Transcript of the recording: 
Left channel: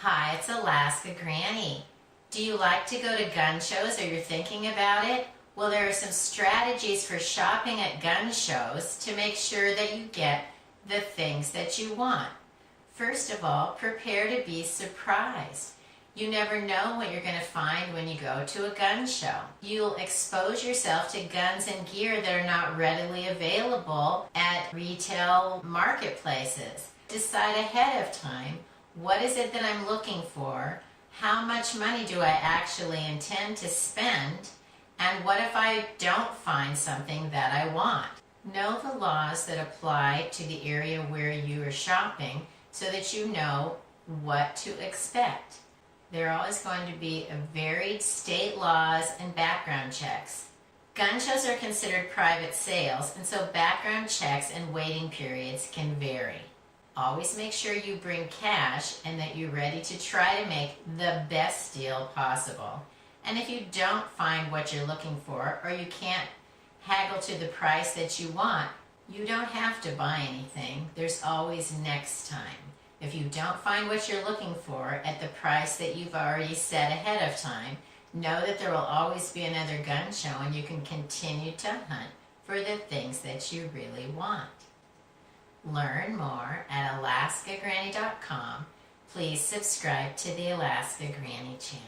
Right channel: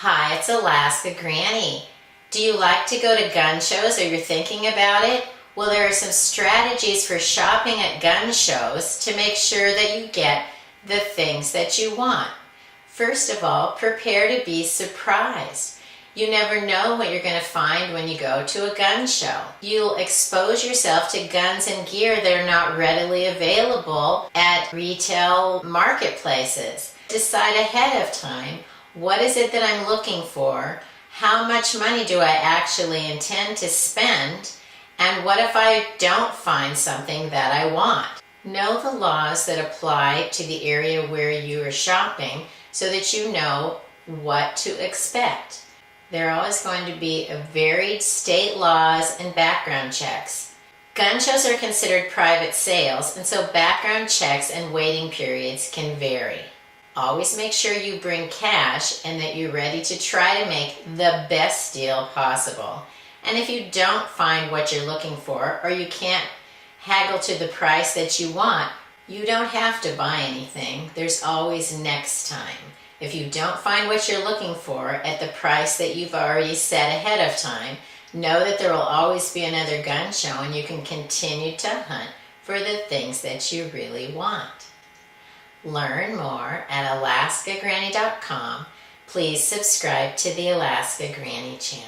Hi, it's Alaska Granny. Do you like to go to gun shows or you're thinking about it? Well, there are some strategies for shopping at gun shows to make sure that you get the things that you want. First of all, prepare to be surprised. You never know what you're going to find when you go to a gun show. You'll expose yourself to guns and gear that are not readily available at retail marketplaces. Decide ahead of time, what is it that I'm looking for? How much money do I actually intend to spend? And what if I don't find something that I want? Know the laws that apply to the area where you are shopping so that you know what to expect. There are always going to be varied state laws and background checks. Gun shows are considered private sales, and so background checks and waiting periods can vary. Always make sure you bring cash and that you're ready to try to make the best deal possible. And if you don't find what you're looking for, or you can't haggle to the price that you want, you don't have to buy anything. There's always next time. If you don't find what you're looking for at the price that you've already set ahead of time, know that there will always be another gun show and you can continue to hunt for the things that you really want. Learn more at alaskagranny.com. Please subscribe to the Alaska Granny channel.